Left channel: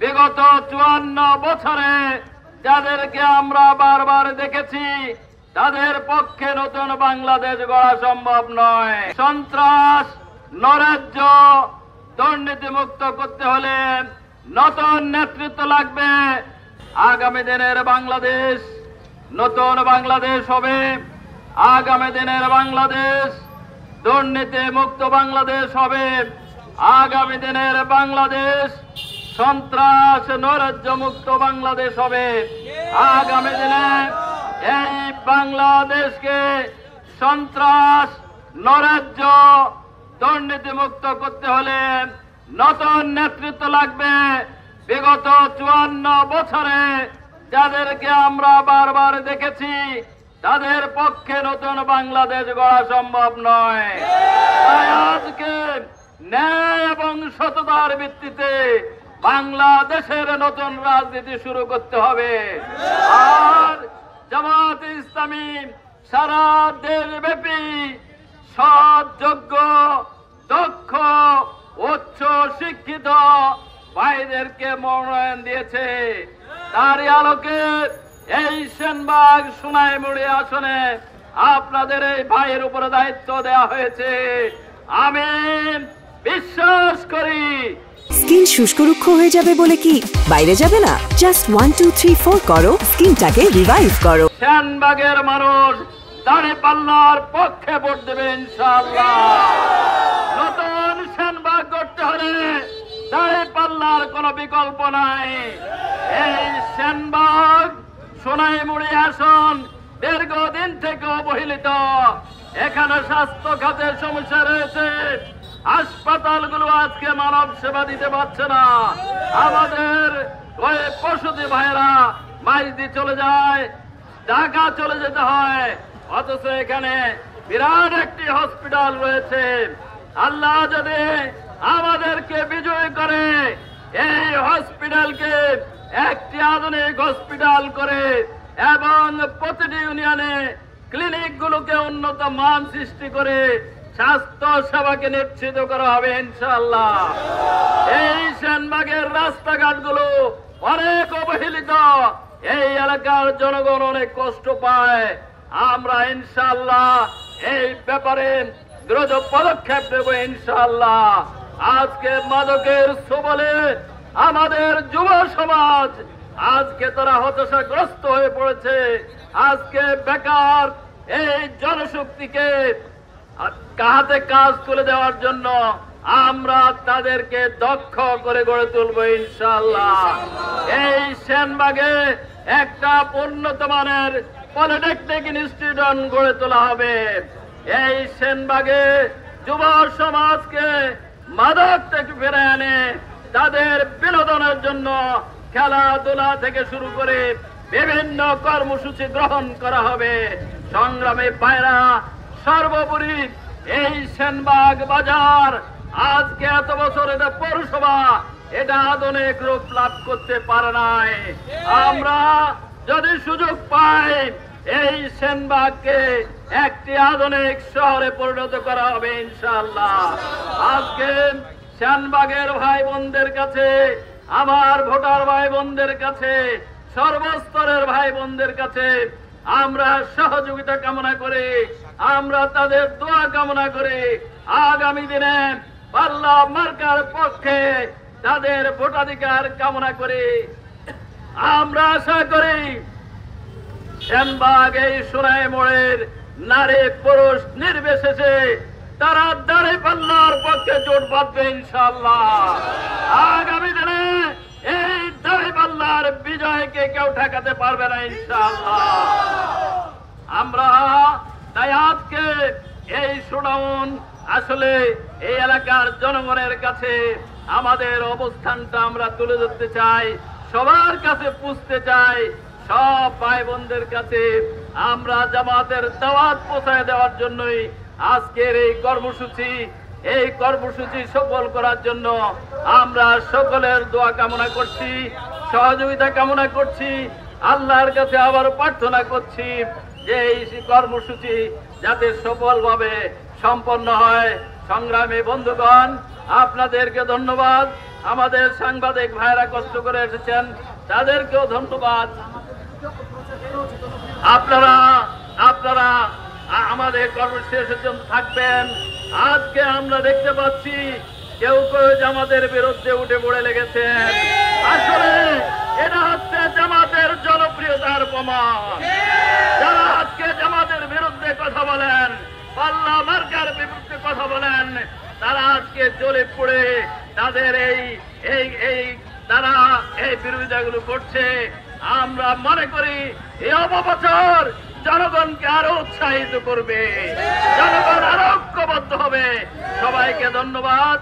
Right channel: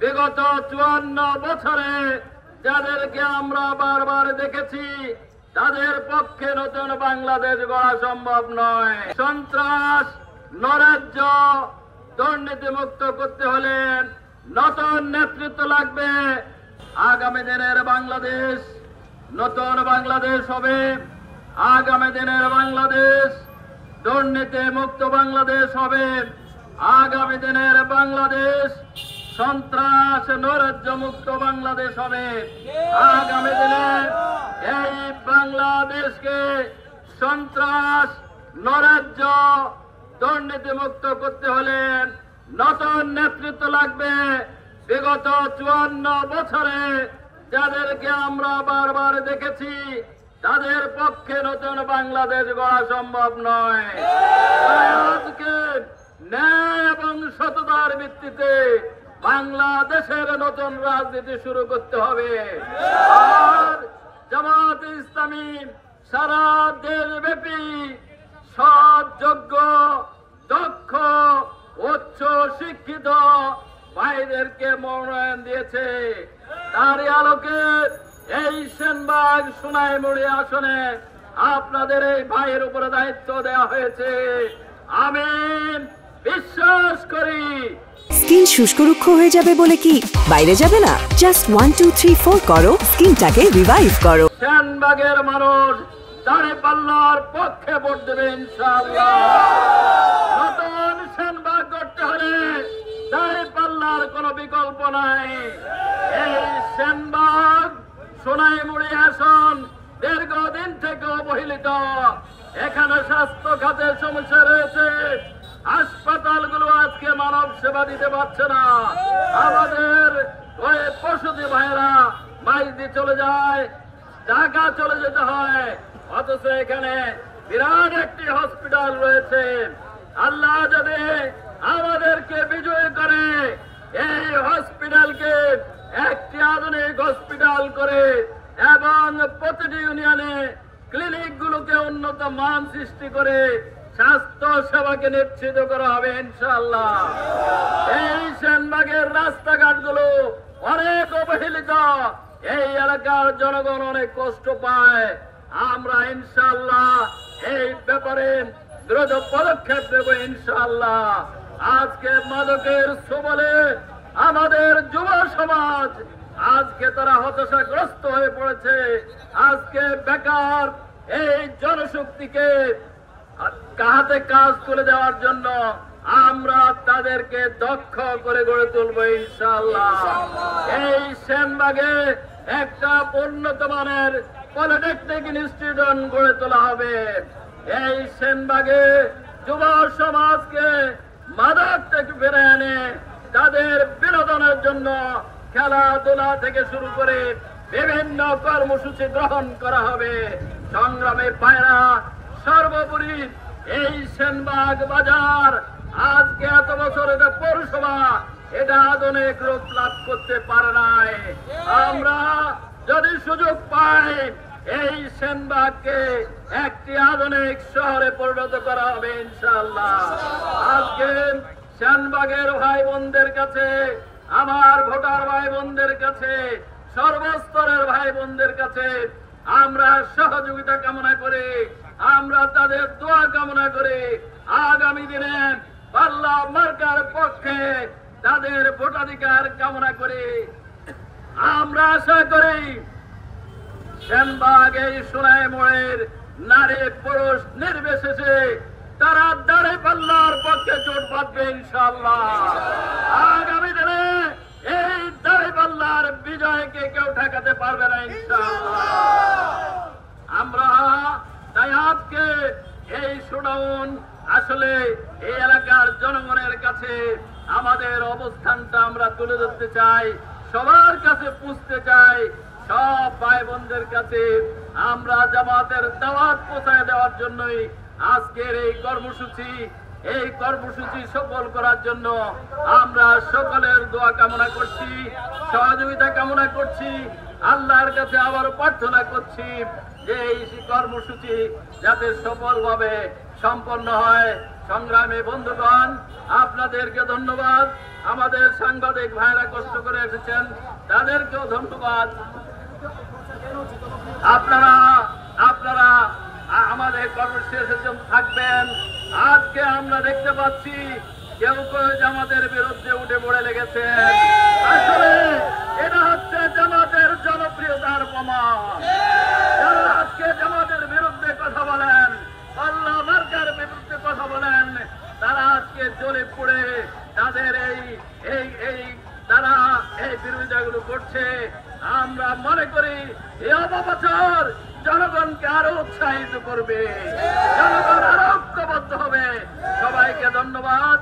বিগত 54 বছরে যাদেরকে আমরা বারবার দেখেছি তাদের পক্ষে নতুন বাংলাদেশ গড়া সম্ভব নয়। সন্ত্রাস, নৈরাজ্য, দুর্নীতিমুক্ত করতে হলে নতুন নেতৃত্ব লাগবে। আগামী দিনের বাংলাদেশ নতুন বাংলাদেশ হবে। আগামী দিনের বাংলাদেশ দুর্নীতি মুক্ত বাংলাদেশ হবে। আগামী দিনের বাংলাদেশ সন্ত্রাস নৈরাজ্য মুক্ত বাংলাদেশ হবে। আগামী দিনে এই বাংলাদেশকে সন্ত্রাস নৈরাজ্য দুর্নীতি মুক্ত করতে হলে নতুন নেতৃত্ব লাগবে। বিগত 54 বছরে যাদেরকে আমরা বারবার দেখেছি তাদের পক্ষে নতুন বাংলাদেশ গড়া সম্ভব নয়। আজকে ন্যায় এবং সততার ভিত্তিতে বাংলাদেশের নতুন রাজনীতি শুরু করতে হবে। আর জামাত ইসলামী সারা দেশব্যাপী সৎ, যোগ্য, দক্ষ, উচ্চ শিক্ষিত ভাইদেরকে মনোনয়ন দিয়েছে। তারই আলোকে এই সেনবাগ সোনাইমুড়ি আসনে আপনাদের এই ভাইয়ের উপরে দায়িত্ব দেওয়া হয়েছে। আমি বিশ্বাস করি স্কিন শুষ্ক রুক্ষ হয়ে যাবে বলে কি বাইরে যাবে না? জাস্ট 1 2 3 4 করো, স্কিনটাকে রিভাইভ করো। সেনবাগের মানুষ দাঁড়িপাল্লার পক্ষে ভোট দেবে ইনশাআল্লাহ। নতুন সেনবাগ করতে হলে দাঁড়িপাল্লার কোনো বিকল্প নাই। এই সেনবাগ সোনাইমুড়ি আসন দীর্ঘদিন থেকে অবহেলিত। এখানে স্বাস্থ্য খাতের সমস্যা রয়েছে। হাসপাতালগুলো আজকে মানব সেবা দিতে পারছে না। আমাদের ওই পশুজি ভাইরা মাইজদি চলে যায়, ঢাকা চলে যেতে হয়, অথচ এখানে বিরাট একটি হসপিটাল রয়েছে। আল্লাহ যদি আমাদেরকে বিজয় করে এই হসপিটালকে একটি আধুনিক হসপিটাল করে এবং প্রতিটি ইউনিয়নে ক্লিনিকগুলোকে উন্নত মান সৃষ্টি করে স্বাস্থ্য সেবাকে নিশ্চিত করা হবে ইনশাআল্লাহ। এই সেনবাগের রাস্তাঘাটগুলো অনেক অবহেলিত। এই এলাকার জনগণ অনেক কষ্ট পায়। আমরা ইনশাআল্লাহ এই ব্যাপারে দ্রুত পদক্ষেপ নেব ইনশাআল্লাহ। আজকে মাদকের সবলে আমাদের যুব সমাজ আজকে তারা হতাশাগ্রস্ত হয়ে পড়েছে। আজকে বেকার এই জনশক্তিকে হাতে কাজ তুলে দেওয়ার জন্য আমরা তাদেরকে দক্ষ করে গড়ে তুলব ইনশাআল্লাহ। এই সেনবাগে একটা উন্নত মানের পলিটেকনিক ইনস্টিটিউট গড়ে তোলা হবে। এই সেনবাগে যুব সমাজকে মাদক থেকে ফিরে এনে তাদের বিনোদনের জন্য খেলাধুলা থেকে শুরু করে বিভিন্ন কর্মসূচি গ্রহণ করা হবে। সংগ্রামী ভাইরা, সর্বোপরি এই সেনবাগ বাজার আজকে এত বছর এটা পৌরসভা, এটা আধুনিক রূপ লাভ করতে পারে নাই। আমরা যদি সুযোগ পাই এই সেনবাগকে একটি আধুনিক শহরে পরিণত করা হবে ইনশাআল্লাহ। আজকে সেনবাগের ভাই বোনদের কাছে, আমার ভোটার ভাই বোনদের কাছে, সর্বস্তরের ভাই বোনদের কাছে আমরা সহযোগিতা কামনা করি, আমরা তাদের দোয়া কামনা করি। আগামী দিনে পাল্লা মার্কার পক্ষে তাদের ভোটাধিকার কামনা করি। আমরা আশা করি সেনবাগ এই সোনাইমুড়ির নারী পুরুষ নির্বিশেষে তারা দাঁড়িপাল্লার পক্ষে জোট বাঁধবে ইনশাআল্লাহ। আগামী দিনে এই দাঁড়িপাল্লার বিজয়কে কেউ ঠেকাতে পারবে না ইনশাআল্লাহ। আমরা তাই আজকে এই শোডাউন আসলে এই এলাকার জনগণের কাছে আমাদের অবস্থানটা আমরা তুলে ধরতে চাই, সবার কাছে পুষতে চাই, সব ভাই বোনদের কাছে আমরা জামাতের দাওয়াত পৌঁছায় দেওয়ার জন্যই আজকের এই কর্মসূচি সফল করার জন্য আমরা সকলের দোয়া কামনা করছি, সহযোগিতা কামনা করছি। আল্লাহর কাছে আবার প্রার্থনা করছি যে এই কর্মসূচি যাতে সফলভাবে সম্পন্ন হয়। সংগ্রামী বন্ধুগণ, আপনাদেরকে ধন্যবাদ। আমাদের সাংবাদিক ভাইরা কষ্ট করে এসেছেন, তাদেরকেও ধন্যবাদ। আপনারা আপনারা আমাদের কর্মসূচি এসেছেন, থাকবেন। আজকে আমরা দেখতে পাচ্ছি কেউ কেউ জামাতের বিরুদ্ধে উঠে পড়ে লেগেছে। আসলে এটা হচ্ছে জামাতের জনপ্রিয়তার প্রমাণ। যারা আজকে জামাতের বিরুদ্ধে কথা বলেন, পাল্লা মার্কার বিরুদ্ধে কথা বলেন, তারা আজকে জ্বলে পড়ে তাদের এই তারা এই বিরোধিতাগুলো করছে। আমরা মনে করি এই অপপ্রচার জনগণকে আরো উৎসাহিত করবে, জনগণ আরো ঐক্যবদ্ধ হবে। সবাইকে ধন্যবাদ।